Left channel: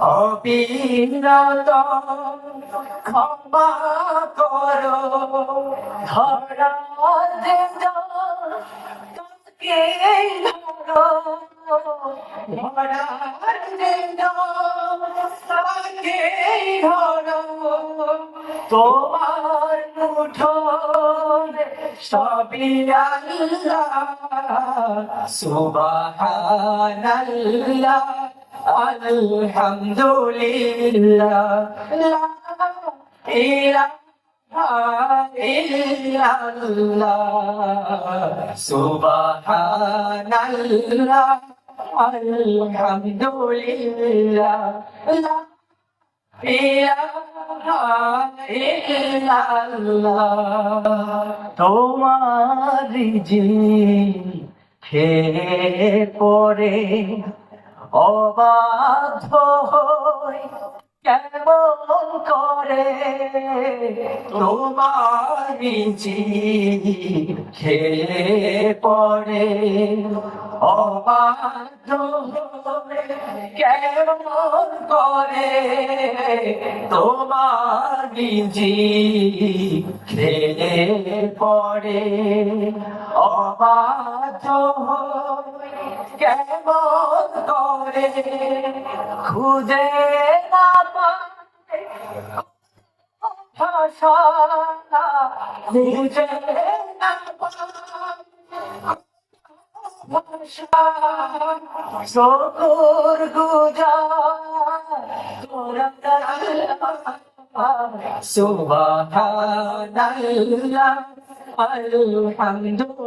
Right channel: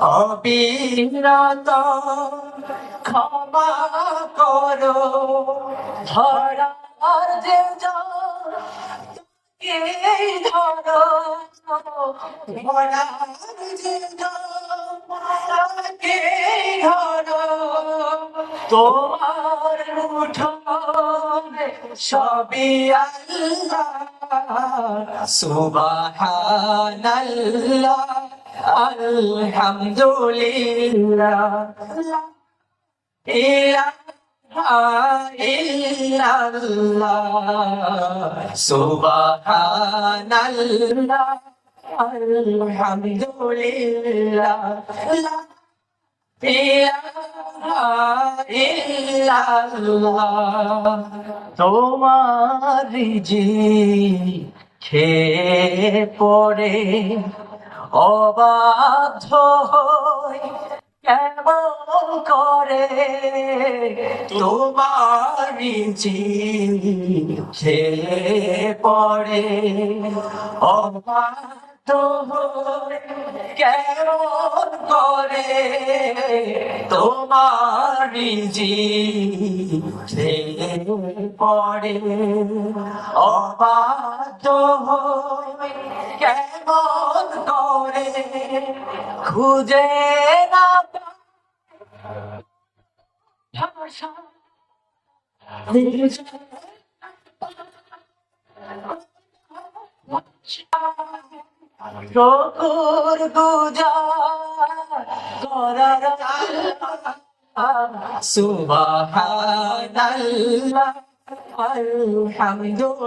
অবিরত ক্ষমা করো। ধরার দেদার তোকে ধরো। ধরার দেদার তাকে ধরো। তোমার মুঠোরে সবই আল্লাহ, সুবহানাল্লাহ। আলহামদুলিল্লাহ ইলাহা ইল্লাল্লাহ সুবহানাল্লাহ আলহামদুলিল্লাহ ইলাহা ইল্লাল্লাহ তোমার জি খেয়ে পড়ে অবাধ্য কেমন করে? তোমার খেয়ে পড়ে। অবাধ্য কেমন করে? তোমার জি খেলে পড়ে। অবাধ্য কেমন খুঁজে না ভাষা শকুর গুজার করার সুবহানাল্লাহ আলহামদুলিল্লাহ।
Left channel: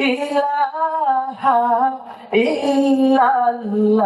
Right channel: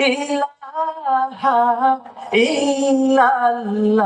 ইলাহা ইল্লাল্লাহ।